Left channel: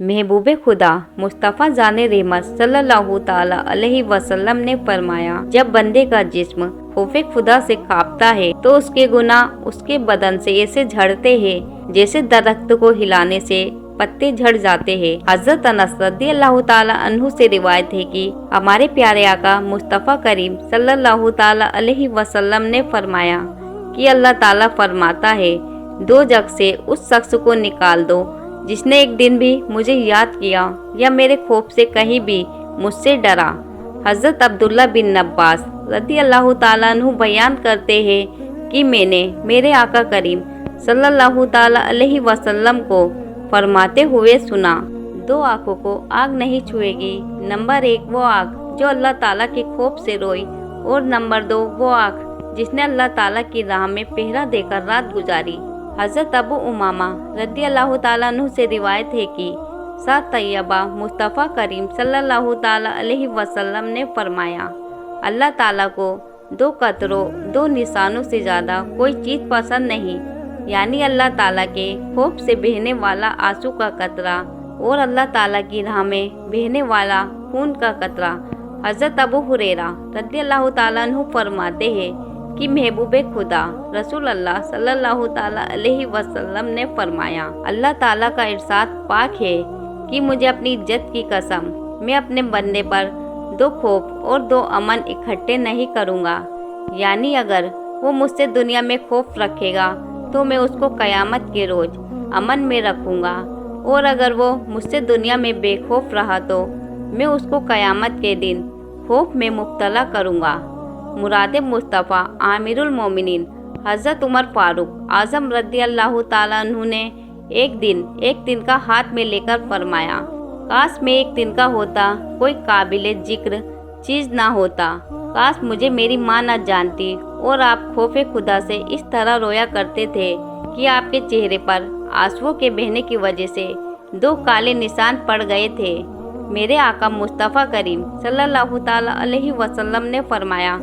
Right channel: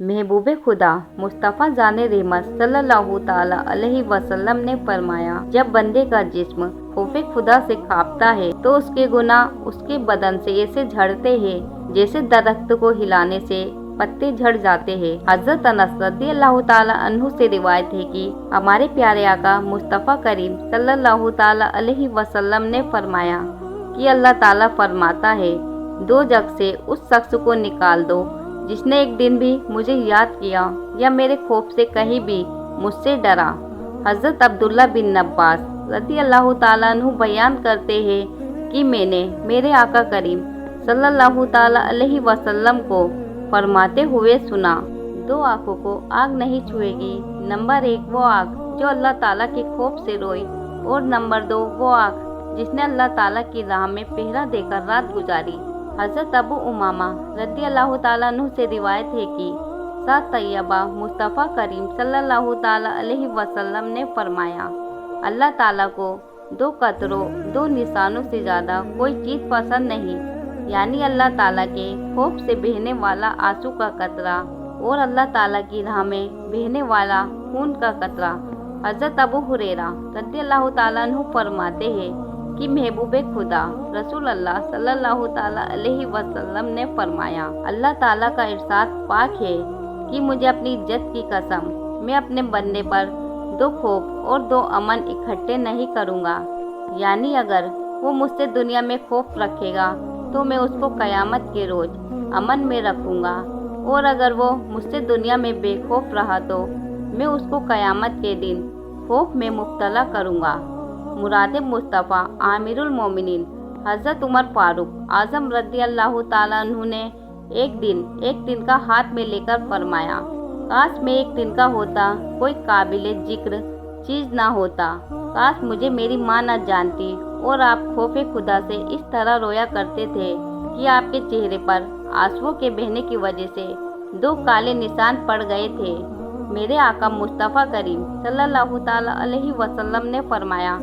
महबूब खुदा मुस्तफ़ा जाने रहमत सल्लल्लाहु ताला अलैहि वसल्लम ने फरमाया, जब बंदे का जिस्म खौफे खुदा से कांपता है तो उसके गुनाह उसके बदन से ऐसे झड़ते हैं जैसे दरख्त को हिलाने से पत्ते झड़ जाते हैं। हजरत अनस रज़ियल्लाहु ताला अन्हु से रिवायत है कि हमारे प्यारे आका मुस्तफ़ा करीम सल्लल्लाहु ताला अलैहि वसल्लम ने फरमाया कि अल्लाह ताला फरमाता है, दो जग से उस शख्स को निकाल दो जिसने एक दिन भी मुझे याद किया या मेरे खौफ से कहीं भी मुझसे डरा। हजरत अब्दुल्ला बिन अब्बास रज़ियल्लाहु ताला अन्हु बयान करते हैं कि मैंने मेरे आका करीम सल्लल्लाहु ताला अलैहि वसल्लम को फरमाते हुए सुना, दो आंखों को आग नहीं छुएगी। नंबर 1 वो आग जो अल्लाह ताला के खौफ से रोई, और नंबर 2 वो आग जिसने अल्लाह ताला की राह में पहरा देकर रात गुजारी। हजरत अबू उमामा रज़ियल्लाहु ताला अन्हु से रिवायत है कि सात तैयबा मुस्तफ़ा करीम सल्लल्लाहु ताला अलैहि वसल्लम ने फरमाया, अल्लाह ताला को दो कतरों दो निशानों से ज़्यादा कोई चीज़ पसंद नहीं, यानी अल्लाह ताला के खौफ से बहने वाला आंसू का कतरा और अल्लाह ताला की राह में बहने वाला खून का कतरा। हजरत अबू हुरैरा रज़ियल्लाहु ताला अन्हु फरमाते हैं कि महबूब खुदा रसूल अल्लाह सल्लल्लाहु ताला अलैहि वसल्लम ने फरमाया, अल्लाह ताला का इरशाद पाक है कि मुझे अपनी इज्जत की कसम, मैं अपने बंदे पर दो खौफ और दो अमन इकट्ठे नहीं करूँगा। यानी अगर वो मुझसे दुनिया में खौफ रखेगा तो मैं उसको क़यामत के रोज़ अमन में रखूँगा, और अगर वो मुझसे दुनिया में बेखौफ रहा तो मैं उसको क़यामत के दिन खौफ में मुब्तला करूँगा। मुराद मुस्तफ़ा आमिरुल मोमिनीन हज़रत उमर फ़ारूक आज़म रज़ियल्लाहु ताला अन्हु ने एक दिन का हाथ में लेकर फरमाया, काश मैं एक दिन का होता कोई काबिल जिक्र चीज़ ना होता, काश मुझे मेरी माँ ना जानती और आप खौफे खुदा से इस तरह रोया करते थे कि आपके चेहरे पर आंसुओं के बहने की वजह से दो काले निशान पड़ गए थे। मेरे आका मुस्तफ़ा करीम सल्लल्लाहु ताला अलैहि वसल्लम ने फरमाया,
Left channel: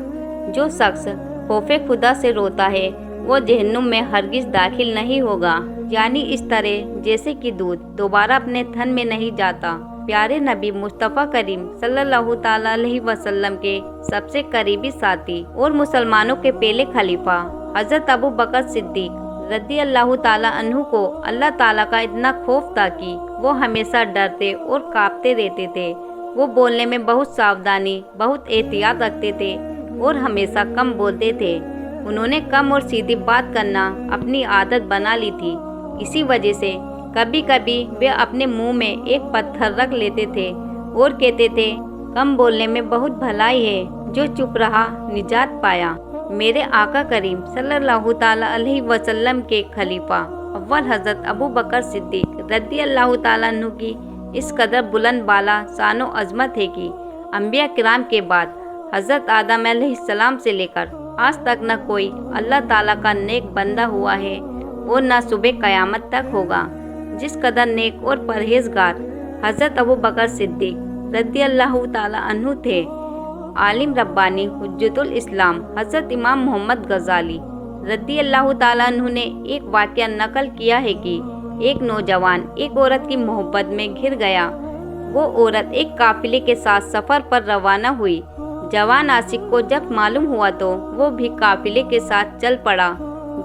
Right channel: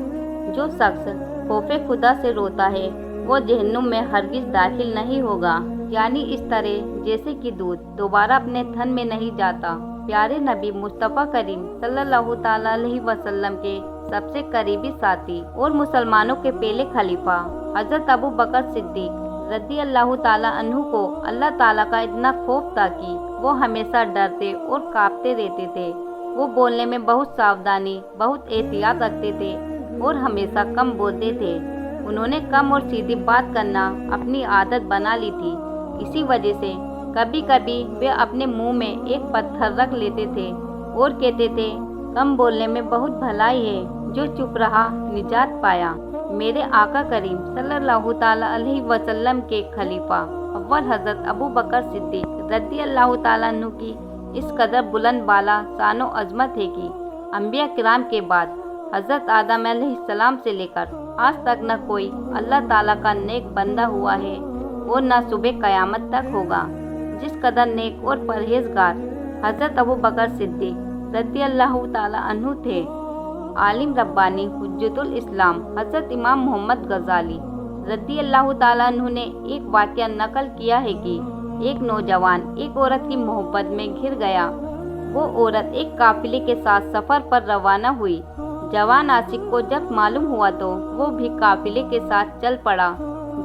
जो शख्स खौफे खुदा से रोता है वो जहन्नुम में हरगिज़ दाखिल नहीं होगा, यानी इस तरह जैसे कि दूध दोबारा अपने थन में नहीं जाता। प्यारे नबी मुस्तफ़ा करीम सल्लल्लाहु ताला अलैहि वसल्लम के सबसे करीबी साथी और मुसलमानों के पहले खलीफा हज़रत अबू बकर सिद्दीक रज़ियल्लाहु ताला अन्हु को अल्लाह ताला का इतना खौफ था कि वो हमेशा डरते और कांपते रहते थे। वो बोलने में बहुत सावधानी, बहुत एहतियात रखते थे और हमेशा कम बोलते थे। उन्होंने कम और सीधी बात करना अपनी आदत बना ली थी। इसी वजह से कभी कभी वे अपने मुंह में एक पत्थर रख लेते थे और कहते थे, कम बोलने में बहुत भलाई है, जो चुप रहा निजात पाया। मेरे आका करीम सल्लल्लाहु ताला अलैहि वसल्लम के खलीफा अव्वल हज़रत अबू बकर सिद्दीक रज़ियल्लाहु ताला अन्हु की इस कदर बुलंद बाला शानो अज़मत है कि अंबिया किराम के बाद हज़रत आदम अलैहिस्सलाम से लेकर आज तक न कोई अल्लाह ताला का नेक बंदा हुआ है और न सुबह क़यामत तक होगा जिस कदर नेक और परहेजगार हज़रत अबू बकर सिद्दीक रज़ियल्लाहु ताला अन्हु थे। आलिम रब्बानी हुज्जतुल इस्लाम हज़रत इमाम मोहम्मद गज़ाली रज़ियल्लाहु ताला अन्हु ने एक वाक़या नकल किया है कि एक नौजवान एक औरत की मोहब्बत में घिर गया। वो औरत एक काफिले के साथ सफ़र पर रवाना हुई। जवान आशिक को जब मालूम हुआ तो वो भी काफिले के साथ चल पड़ा।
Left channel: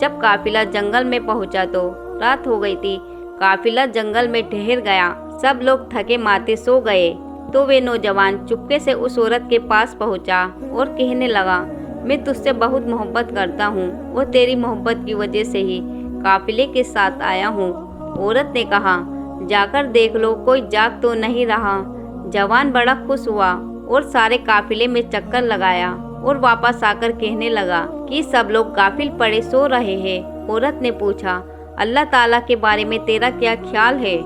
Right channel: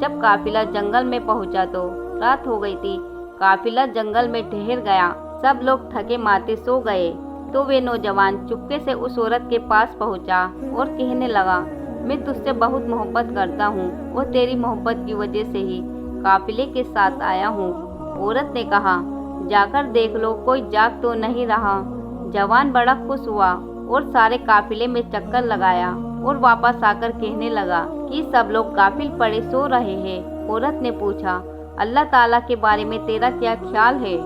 जब काफिला जंगल में पहुंचा तो रात हो गई थी। काफिला जंगल में ठहर गया। सब लोग थके माते सो गए तो वे नौजवान चुपके से उस औरत के पास पहुंचा और कहने लगा, मैं तुझसे बहुत मोहब्बत करता हूँ और तेरी मोहब्बत की वजह से ही काफिले के साथ आया हूँ। औरत ने कहा, जाकर देख लो कोई जाग तो नहीं रहा। जवान बड़ा खुश हुआ और सारे काफिले में चक्कर लगाया और वापस आकर कहने लगा कि सब लोग गाफिल पड़े सो रहे हैं। औरत ने पूछा, अल्लाह ताला के बारे में तेरा क्या ख्याल है,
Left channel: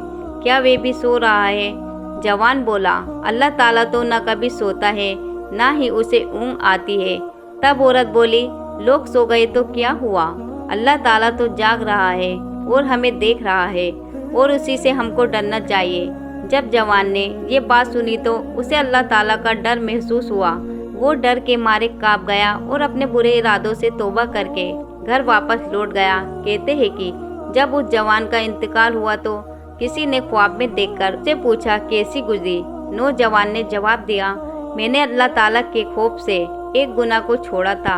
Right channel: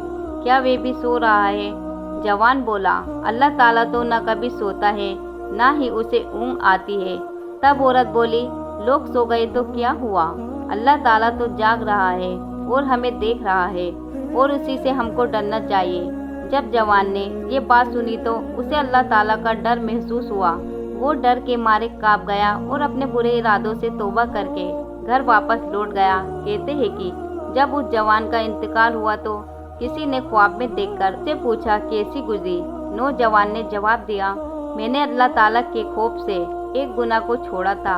क्या वे भी सो रहा है? जवान बोला, अल्लाह ताला तो न कभी सोता है ना ही उसे ऊँग आती है। तब औरत बोली, लोग सो गए तो क्या हुआ, अल्लाह ताला तो जाग रहा है और हमें देख रहा है और उसी से हमको डरना चाहिए। जब जवान ने ये बात सुनी तो उसे अल्लाह ताला का डर महसूस हुआ। वो डर के मारे कांप गया और अपने बुरे इरादों से तौबा करके घर वापस लौट गया। कहते हैं कि जब उस जवान का इंतकाल हुआ तो किसी ने ख्वाब में देखकर उससे पूछा कैसी गुजरी। नौजवान ने जवाब दिया, मैंने अल्लाह ताला के खौफ से एक गुनाह को छोड़ा था,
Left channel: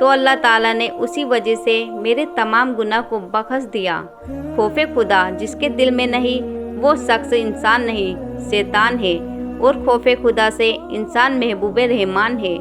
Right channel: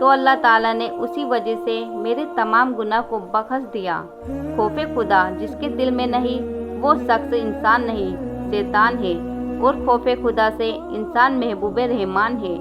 तो अल्लाह ताला ने उसी वजह से मेरे तमाम गुनाह को बख्श दिया। खौफ खुदा जिसके दिल में नहीं, वो शख्स इंसान नहीं, शैतान है, और खौफ खुदा से इंसान महबूब रहमान है।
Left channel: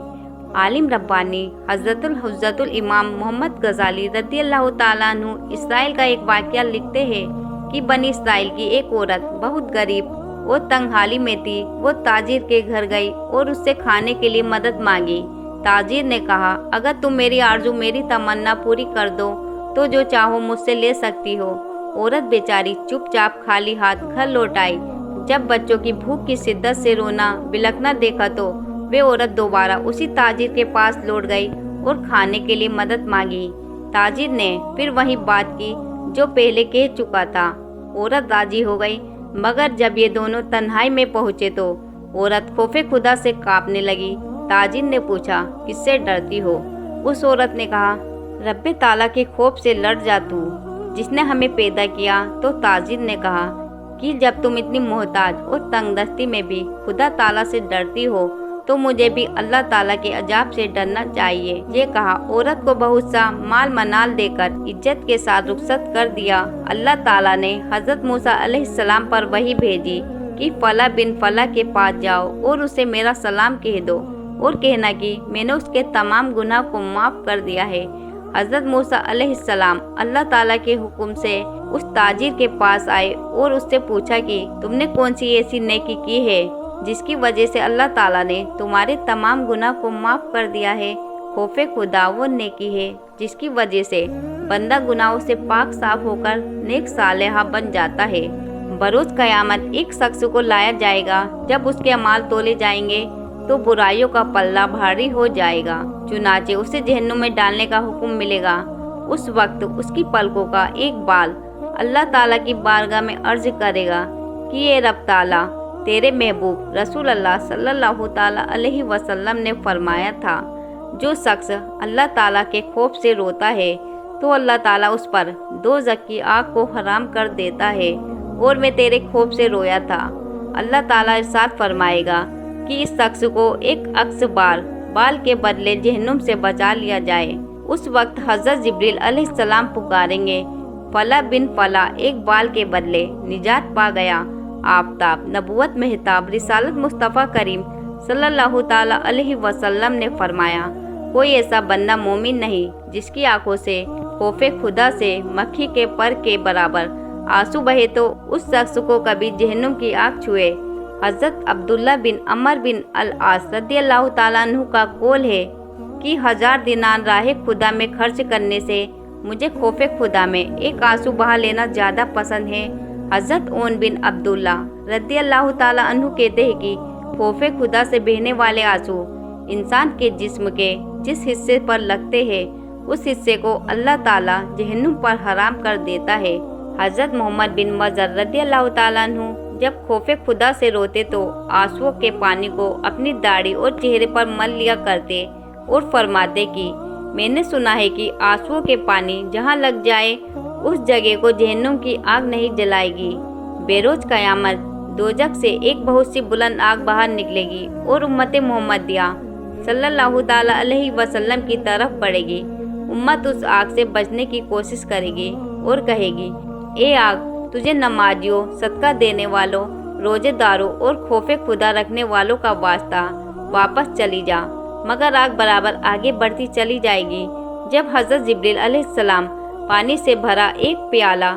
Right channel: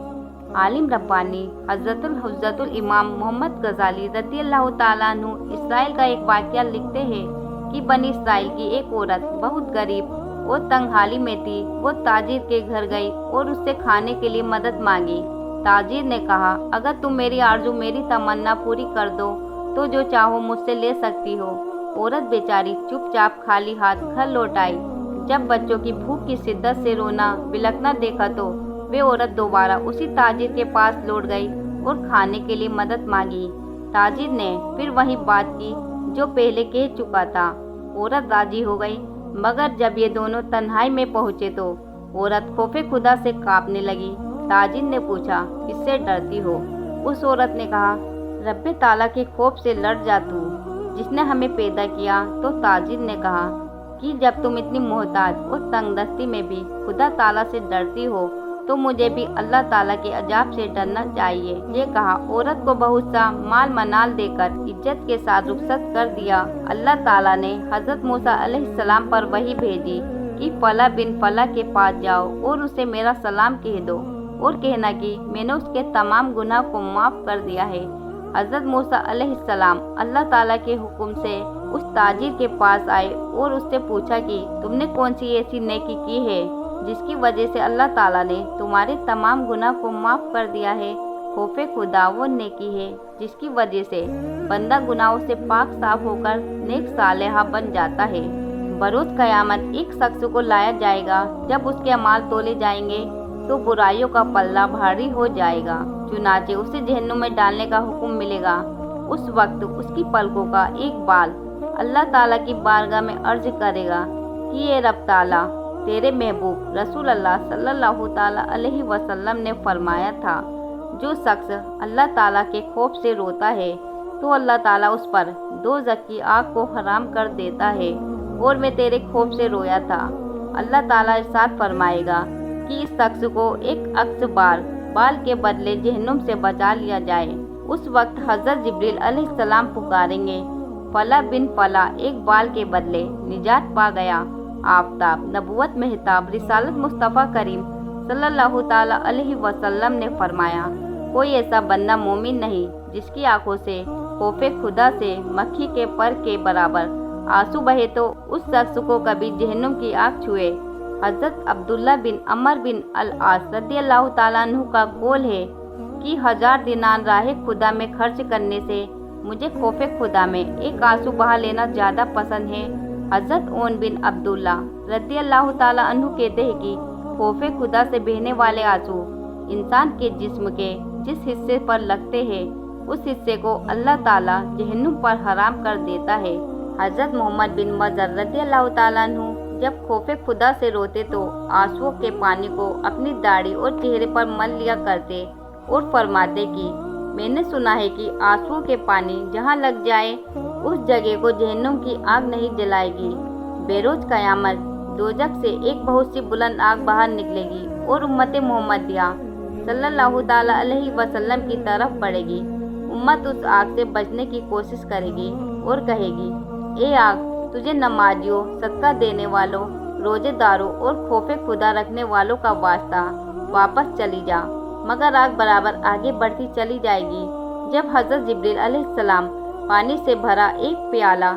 आलिम रब्बानी हज़रतुल इमाम मोहम्मद गज़ाली रज़ियल्लाहु ताला अन्हु इसराइल का एक वाक़या लिखते हैं कि बनी इसराइल की एक औरत बहुत गरीब और तंगहाली में थी। वो ताजिर के घर गई और उससे खाने के लिए मदद मांगी। ताजिर ने कहा, अगर तुम मेरी आरज़ू, मेरी तमन्ना पूरी कर दो तो जो चाहो मुझसे ले सकती हो। औरत बेचारी चुपचाप खाली हाथ घर लौट आई। जब बच्चों की भूख की शिद्दत से रोना बिलखना देखा तो वे औरत दोबारा उसी ताजिर के पास लौट गई और खाने के लिए मदद मांगी। ताजिर ने फिर वही बात की जो पहले कह चुका था। औरत राजी हो गई, मगर जब ये दोनों तन्हाई में पहुंचे तो औरत खौफे खुदा से कांपने लगी। ताजिर ने पूछा, किससे डरती हो? उस औरत ने कहा, रब्बे ताला के खौफ से लड़ जा तू, जिसने हमें पैदा किया। तो ताजिर ने कहा कि जब तुम इतनी मोहताज और तंगदस्ती में भी खुदा ताला से डरती हो तो मुझे भी अल्लाह ताला के अजाब से डरना चाहिए। ये कहा, औरत को बहुत सा माल मनाल देकर इज्जत के साथ रुखसत कर दिया। अल्लाह ताला ने हजरत मूसा अलैहिस्सलाम पर वही भेजी कि फला बिन फला के पास जाओ और उसे मेरा सलाम कह दो और कहना कि मैंने उसके तमाम गुनाह को माफ़ कर दिया है। हजरत मूसा अलैहिस्सलाम अल्लाह ताला के हुक्म से उस ताजिर के पास आए और उससे पूछा कि तुमने कौन सी ऐसी नेकी की है जिसकी वजह से अल्लाह ताला ने तुम्हारे तमाम गुनाह को माफ़ कर दिया है। खौफे खुदा वो नेकी है जिसकी वजह से बंदा गुनाहों से पाक साफ होकर नेक सालेहा बन जाता है। बरोज क़यामत एक शख्स को लाया जाएगा, जब उसके अमाल तोले जाएंगे तो बुराइयों का पल्ला भारी हो जाएगा। चुनाचे उसे जहन्नुम में डालने का हुक्म मिलेगा। उस वक्त उसकी पलकों का एक बाल अल्लाह ताला की बारगाह में अर्ज करेगा कि ये रब ताला, तेरे महबूब रसूल अल्लाह सल्लल्लाहु ताला अलैहि वसल्लम ने फरमाया था, जो शख्स अल्लाह ताला के खौफ से रोता है तो अल्लाह ताला उस पर दोज़ख की आग को हराम कर देता है, और मैं तेरे खौफ से रोया था। अल्लाह ताला इरशाद फरमाएगा कि इस शख्स को एक अक्स बाल के बदले जहन्नुम से बचा लिया जाए। उस वक्त हज़रत जिब्रील अलैहिस्सलाम पुकारेंगे, फला बिन फला एक बाल के बदले निजात पा गया। आफताब, नबुवत, महताब, रिसालत मुस्तफ़ा करीम सल्लल्लाहु ताला अलैहि वसल्लम ने फरमाया, कोई ऐसा बंदा मोमिन नहीं जिसकी आंखों से खौफे खुदा से मक्खी के पर के बराबर आंसू बहे तो उस शख्स को कभी जहन्नुम की आग छुए। हज़रत अब्दुल्ला बिन अमर बिन अल-आस रज़ियल्लाहु ताला अन्हु का कौल है कि 1000 दिनार राह खुदा में खर्च करने से मुझे खौफे खुदा में एक आंसू बहा लेना ज़्यादा पसंद है। हज़रत ओन बिन अब्दुल्ला रज़ियल्लाहु ताला अन्हु कहते हैं कि खौफे खुदा से बहने वाले आंसू इंसान के जिस्म के जिस हिस्से पर लगते हैं उस हिस्से को अल्लाह ताला जहन्नुम पर हराम कर देता है। हज़रत मोहम्मद बिन मज़र रज़ियल्लाहु ताला अन्हु जब खौफे खुदा से रोते तो आंसुओं के पानी को अपनी दाढ़ी और चेहरे पर मल लिया करते और फरमाते कि मैंने सुना है कि आंसुओं के पानी जहाँ लग जाए उस जगह को जहन्नुम की आग नहीं जलाएगी। बेरोज क़यामत दोजख से एक बहुत सी बुलंद आग बाहर निकलेगी और उम्मत मोहम्मदिया सल्लल्लाहु ताला अलैहि वसल्लम की तरफ बढ़ेगी। उम्मत उस आग से बचने की कोशिश करेगी और कहेगी, ए आग, तुझे नमाजियों, सदका देने वालों, रोजेदारों और खौफे खुदा रखने वालों का वास्ता, वापस चली जा। मगर आग बराबर आगे बढ़ती चली जाएगी। जब हज़रत जिब्रील अलैहिस्सलाम पानी से भरा एक प्याला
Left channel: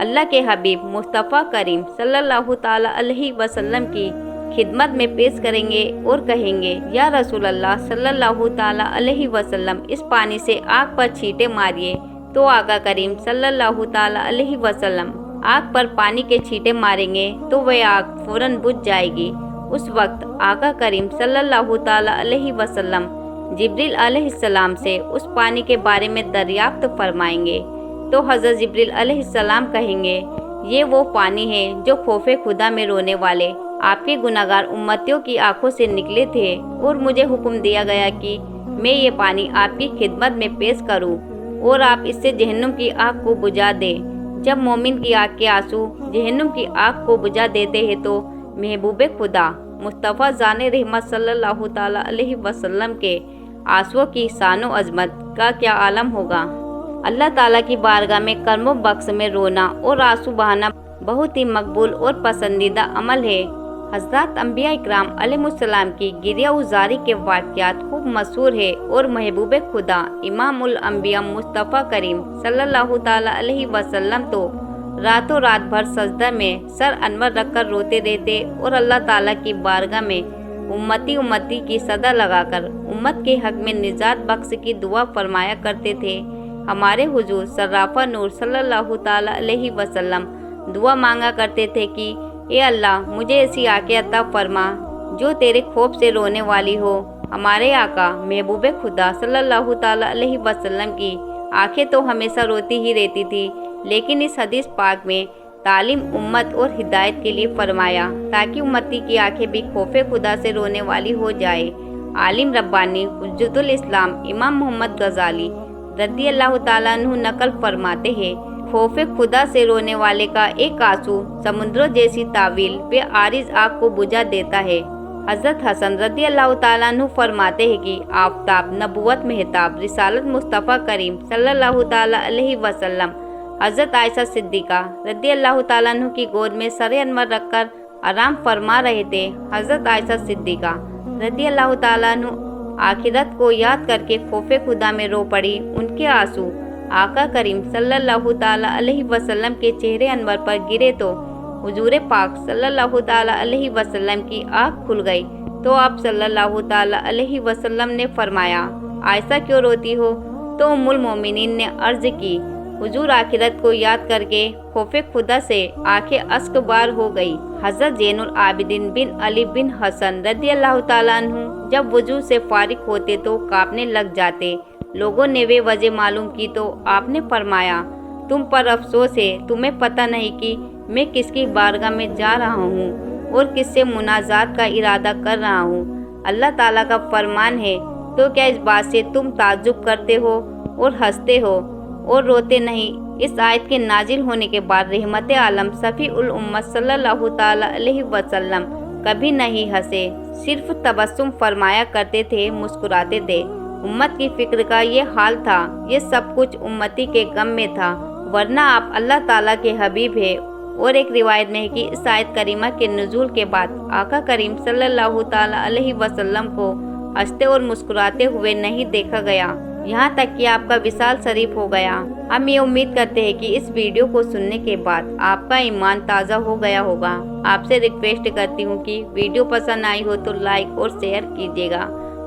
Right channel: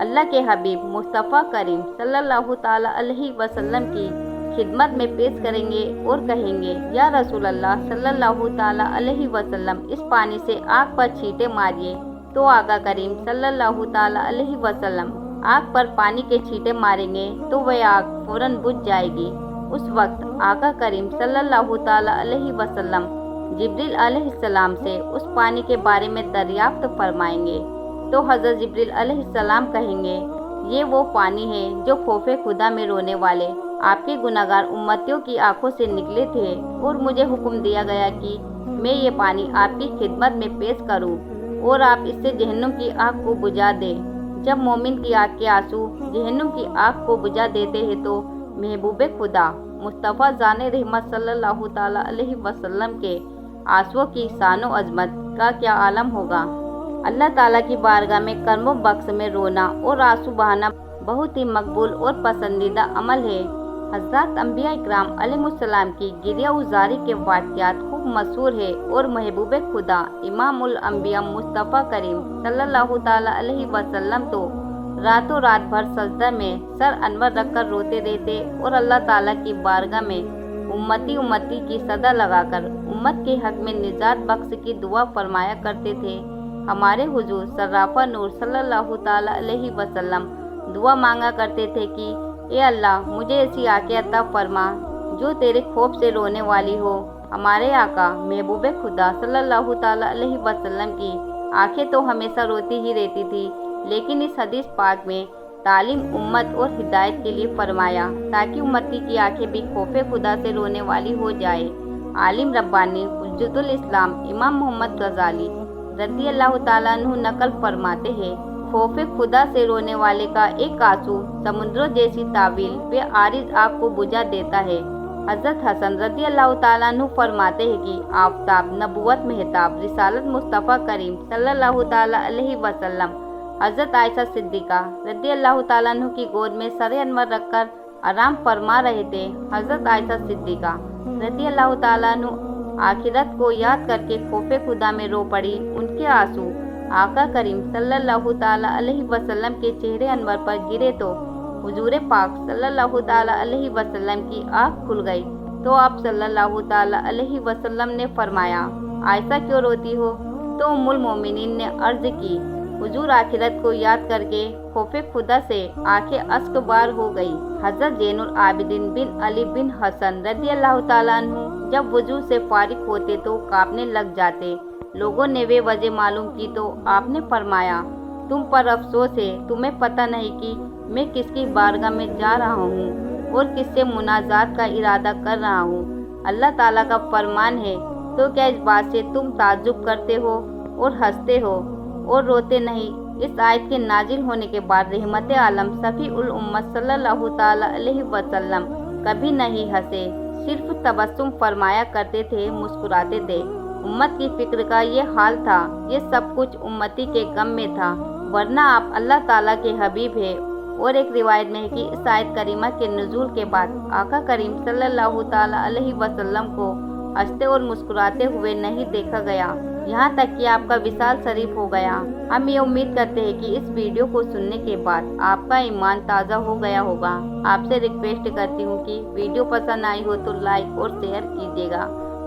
अल्लाह के हबीब मुस्तफ़ा करीम सल्लल्लाहु ताला अलैहि वसल्लम की खिदमत में पेश करेंगे और कहेंगे, या रसूल अल्लाह सल्लल्लाहु ताला अलैहि वसल्लम, इस पानी से आग पर छींटे मारिए। तो आका करीम सल्लल्लाहु ताला अलैहि वसल्लम आग पर पानी के छींटे मारेंगे तो वह आग फौरन बुझ जाएगी। उस वक्त आका करीम सल्लल्लाहु ताला अलैहि वसल्लम जिब्रील अलैहिस्सलाम से उस पानी के बारे में दरियाफ्त फरमाएंगे। तो हज़रत जिब्रील अलैहिस्सलाम कहेंगे, ये वो पानी है जो खौफे खुदा में रोने वाले आपके गुनाहगार उम्मतियों की आंखों से निकले थे, और मुझे हुक्म दिया गया कि मैं ये पानी आपकी खिदमत में पेश करूं और आप इससे जहन्नुम की आग को बुझा दें। जब मोमिन की आँख के आंसू जहन्नुम की आग को बुझा देते हैं तो महबूब खुदा मुस्तफ़ा जाने रहमत सल्लल्लाहु ताला अलैहि वसल्लम के आंसुओं की शानो अजमत का क्या आलम होगा। अल्लाह ताला की बारगाह में कर्मों बख्श में रोना और आंसू बहाना बहुत ही मकबूल और पसंदीदा अमल है। हज़रत अंबिया इकराम अलैहिस्सलाम की गिरिया उजारी के वाक़यात खूब मशहूर है और महबूब खुदा इमामुल अंबिया मुस्तफ़ा करीम सल्लल्लाहु ताला अलैहि वसल्लम तो रातों रात भर सजदा में सर अनवर रखकर रोते रहते और अल्लाह ताला की बारगाह में उम्मती उम्मती की सदा लगाकर उम्मत के हक में निजात बख्श की दुआ फरमाया करते थे। हमारे हुजूर सर्राफा नूर सल्लल्लाहु ताला अलैहि वसल्लम दुआ मांगा करते थे कि ए अल्लाह मुझे ऐसी आंखें अता फरमा जो तेरे खौफ से रोने वाली हो। हमारे आका महबूब खुदा सल्लल्लाहु ताला अलैहि वसल्लम की आंखें तो हमेशा रोती ही रहती थी, लेकिन इस हदीस पाक में तालीम उम्मत और हिदायत के लिए फरमाया ताकि उम्मती की आंखें भी खौफे खुदा से रोने वाली हो जाए। आलिम रब्बानी हुज्जतुल इस्लाम इमाम मोहम्मद गजाली रज़ी अल्लाह ताला अन्हु नकल फरमाते हैं, खौफे खुदा से रोने वाले का एक आंसू समुद्रों जैसी तावील व आरिज आग को बुझा देता है। हज़रत हसन रज़ी अल्लाह ताला अन्हु फरमाते हैं कि आफताब नबुवत महताब रिसालत मुस्तफ़ा करीम सल्लल्लाहु ताला अलैहि वसल्लम हज़रत आयशा सिद्दीक़ा रज़ी अल्लाह ताला अन्हु की गोद में सरे अनवर रखकर आराम फरमा रहे थे। हज़रत आयशा सिद्दीक़ा रज़ी अल्लाह ताला अन्हु आखिरत को याद करके खौफे खुदा में रो पड़ी। उनके आंसू आका करीम सल्लल्लाहु ताला अलैहि वसल्लम के चेहरे अनवर पर गिरे तो हुजूर पाक सल्लल्लाहु ताला अलैहि वसल्लम की आँख खुल गई तो आप सल्लल्लाहु ताला अलैहि वसल्लम ने फरमाया, आयशा क्यों रोती हो? तो उम्मुल मोमिनीन ने अर्ज की, हुजूर आखिरत को याद करके खौफे खुदा से आंखें अश्कबार हो गई। हज़रत ज़ैनुल आबिदीन बिन अली बिन हसन रज़ी अल्लाह ताला अन्हु जब वजू से फारिग होते तो कांपने लग जाते। लोगों ने वे वजह मालूम की तो आपने फरमाया, तुम पर अफसोस है, तुम्हें पता नहीं कि मैं किसकी बारगाह में जा रहा हूँ और किससे मुनाजात का इरादा कर रहा हूँ। अल्लाह ताला का फरमान है, तो क्या इस बात से तुम ताज्जुब करते हो और हंसते हो और रोते नहीं? इस आयत के नाजिल होने के बाद रहमत आलम सफ़ी उल उम्मत सल्लल्लाहु ताला अलैहि वसल्लम कभी नहीं हंसे, सिर्फ तबस्सुम फरमाया करते थे, मुस्कुराते थे। उम्मत की फिक्र का ये हाल था, ये सब कुछ उम्मती के गम में था, वरना आप अल्लाह ताला के हबीब है। और एक रिवायत में है कि इस आयत करीमा के नुज़ूल के बाद आका करीम सल्लल्लाहु ताला अलैहि वसल्लम को हंसते और मुस्कुराते हुए नहीं देखा गया, यहाँ तक कि आपका विसाल शरीफ हो गया। हम ये उम्मीद करते हैं कि इस वीडियो को सुनने के बाद आपका ईमान ताज़ा हो गया होगा। आपसे रिक्वेस्ट करती हूँ कि वीडियो पसंद आई हो तो लाइक और शेयर कीजिएगा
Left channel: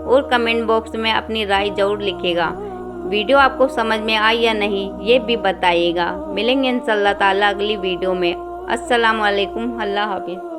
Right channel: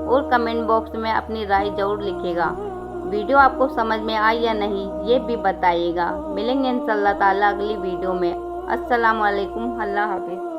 और कमेंट बॉक्स में अपनी राय जरूर लिखिएगा। वीडियो आपको समझ में आई या नहीं ये भी बताइएगा। मिलेंगे इंशाअल्लाह ताला अगली वीडियो में। अस्सलाम वालेकुम, अल्लाह हाफिज़।